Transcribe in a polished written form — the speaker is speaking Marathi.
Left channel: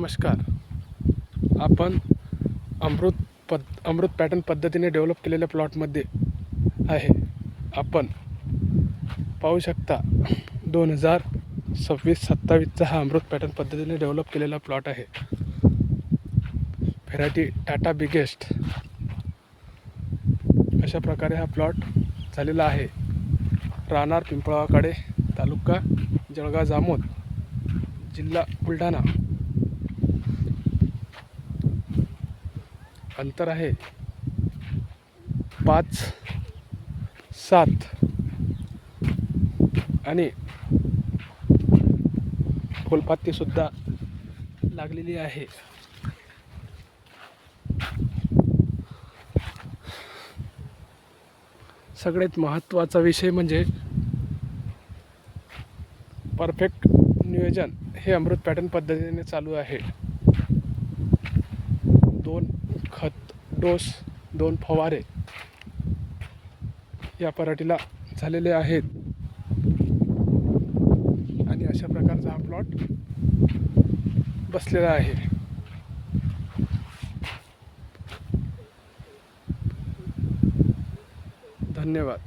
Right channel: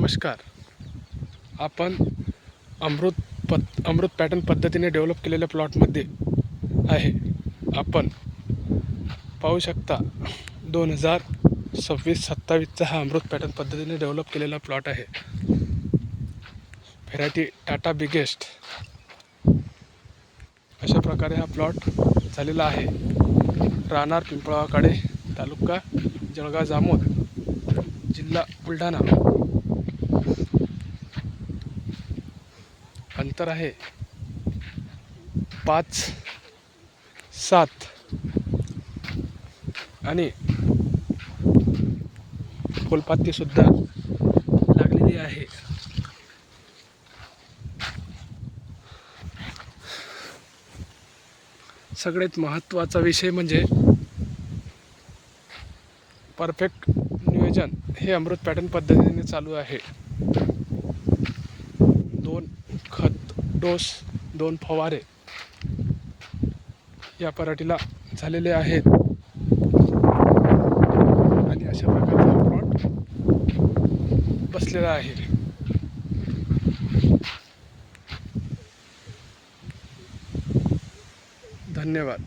नमस्कार. आपण अमृत पॅटर्न पद्धतीने डेव्हलप केलेल्या प्लॉटमध्ये आहे. आपण पाहू शकता 2026-27चा हा अमृत पॅटर्न पद्धतीने डेव्हलप केलेला प्लॉट आहे. व्हेरायटी टाटा बिगेस्ट अशा प्रकारे हा प्लॉट झालेला आहे. राहणार पिंपळाकडे, तालुका जळगाव जामोद, जिल्हा बुलढाणा. अंतर आहे 5-7 आणि फुलपाती सुद्धा लागलेली आहे. सगळ्यात महत्त्वाचा विषय म्हणजे परफेक्ट नियोजन हे अमृत पॅटर्न पद्धतीने चालू आहे. 2 खत डोस, 2 फवारे या पराठीला झालेले आहेत आणि अशा प्रकारचा हा प्लॉट बसलेला आहे. धन्यवाद.